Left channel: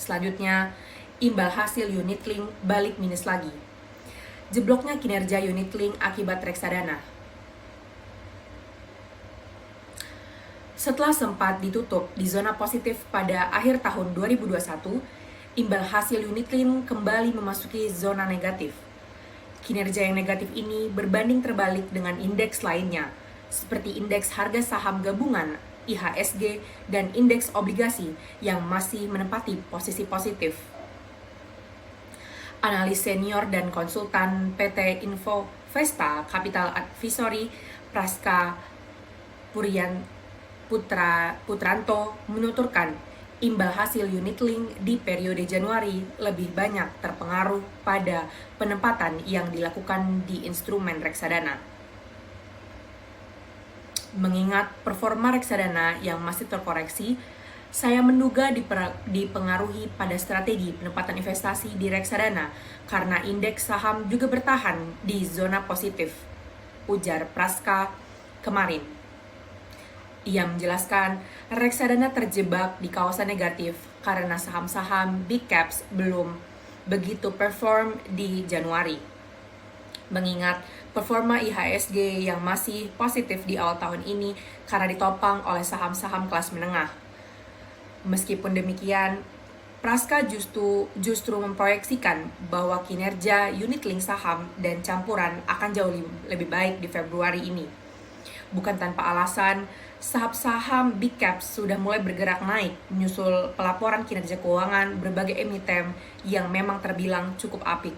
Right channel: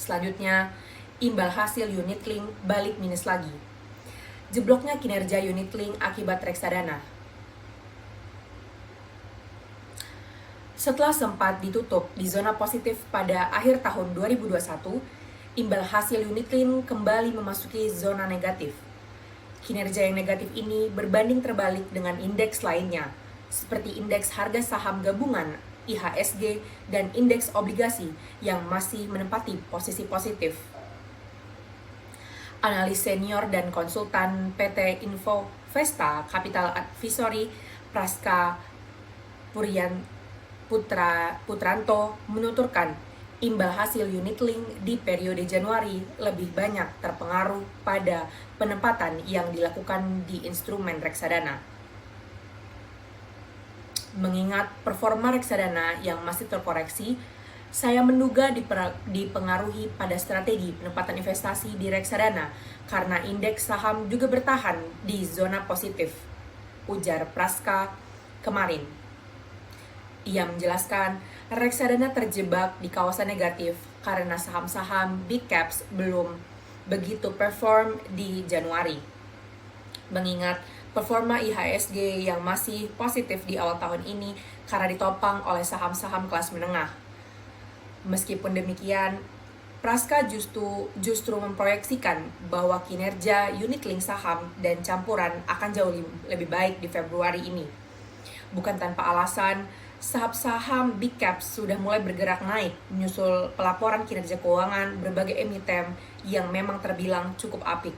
Selanjutnya, imbal hasil unit link balik minus lagi. Jebloknya kinerja unit link akibat reksadana. Setelah sempat ditutup di zona positif pada akhir tahun 2021, imbal hasil unit link kembali memasuki zona negatif. Kinerja yang negatif ini berbanding terbalik dengan indeks lainnya, seperti indeks harga saham gabungan IHSG dan indeks obligasi yang masih menempati posisi positif. Analis senior dan konsultan PT Info Vesta Capital Advisory Praska Putranto menuturkan imbal hasil unit link di periode Januari lebih banyak terpengaruh pada penempatan yang dilakukan di instrumen reksadana. Mengingat performa reksadana yang masih terkoreksi, saya menduga dipengaruhi pada strategi penempatan investasi di reksadana karena indeks saham juga bertahan di zona positif, ujar Praska kemarin. Ia menjelaskan reksadana terjebak di kawasan negatif karena saham-saham big caps belum begitu perform di Januari. Mengingat performa IHSG yang masih positif di awal tahun ini karena ditopang oleh saham-saham kelas menengah. Meskipun demikian, Praska justru memproyeksikan bahwa kinerja unit link saham dan campuran akan jauh lebih baik di Februari ini. Bukan tanpa alasan, saham-saham big caps sudah mulai bergerak naik menyusul pelaporan kinerja keuangan berbagai emiten yang memang terbilang cukup apik.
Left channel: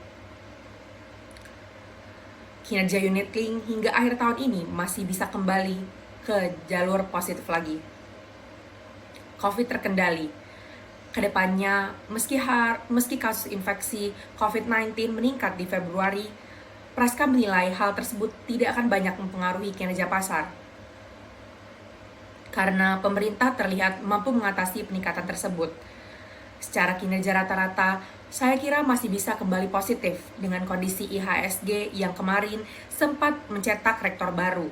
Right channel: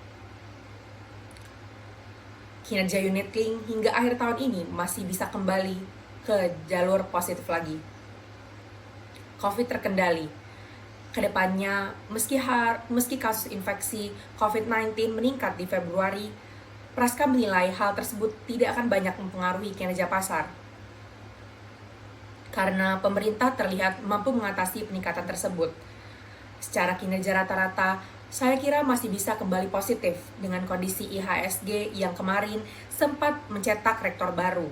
Kinerja unit link hingga akhir tahun ini masih bisa kembali ke jalur positif lagi. COVID terkendali. Kedepannya, meski kasus infeksi COVID-19 meningkat di Februari, Praska menilai hal tersebut tidak akan banyak mempengaruhi kinerja pasar. Karena pemerintah terlihat mampu mengatasi peningkatan tersebut. Secara kinerja rata-rata, saya kira masih bisa kembali positif dengan kondisi IHSG yang kemarin sempat mencetak rekor baru.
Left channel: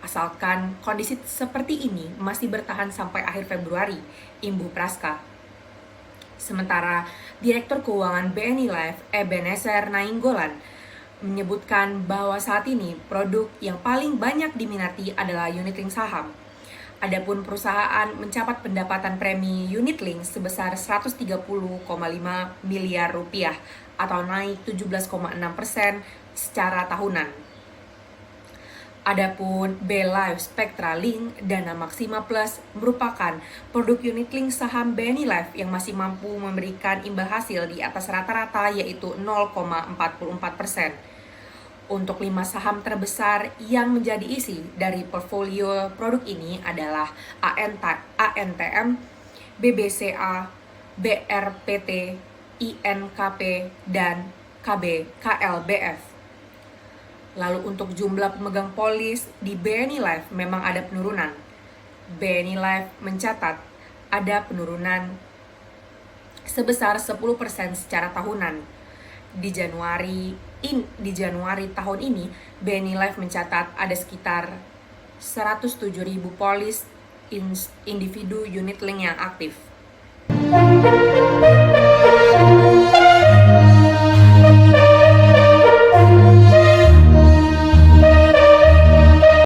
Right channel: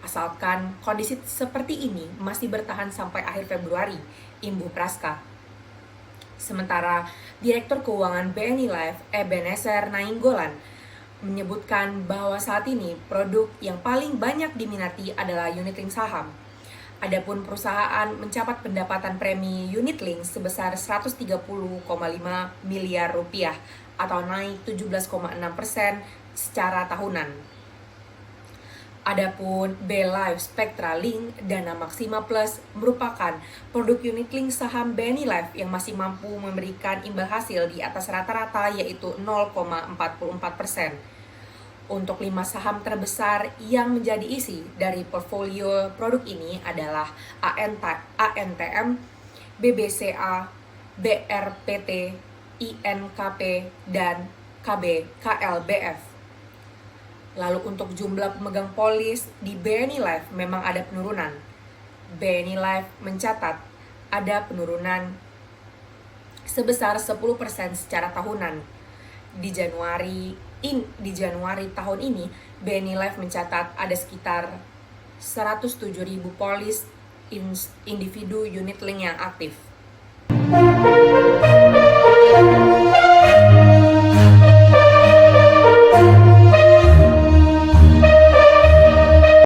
Asalkan kondisi seperti ini masih bertahan sampai akhir Februari, imbuh Praska. Sementara Direktur Keuangan BNI Life, Ebenezer Nainggolan, menyebutkan bahwa saat ini produk yang paling banyak diminati adalah unit link saham. Adapun perusahaan mencatat pendapatan premi unit link sebesar 130,5 miliar rupiah atau naik 17,6% secara tahunan. Adapun B-Life Spectra Link Dana Maxima Plus merupakan produk unit link saham BNI Life yang masih mampu memberikan imbal hasil di atas rata-rata yaitu 0,44%. Untuk 5 saham terbesar yang menjadi isi dari portfolio produk ini adalah ANTM, BBCA, BRPT, INKP, dan KLBF. Lalu untuk jumlah pemegang polis di BNI Life memang ada penurunan. BNI Life mencatat ada penurunan sebesar 10% secara tahunan. Di Januari tahun ini, BNI Life mencatat ada sekitar 107.000 polis individu unit link yang aktif.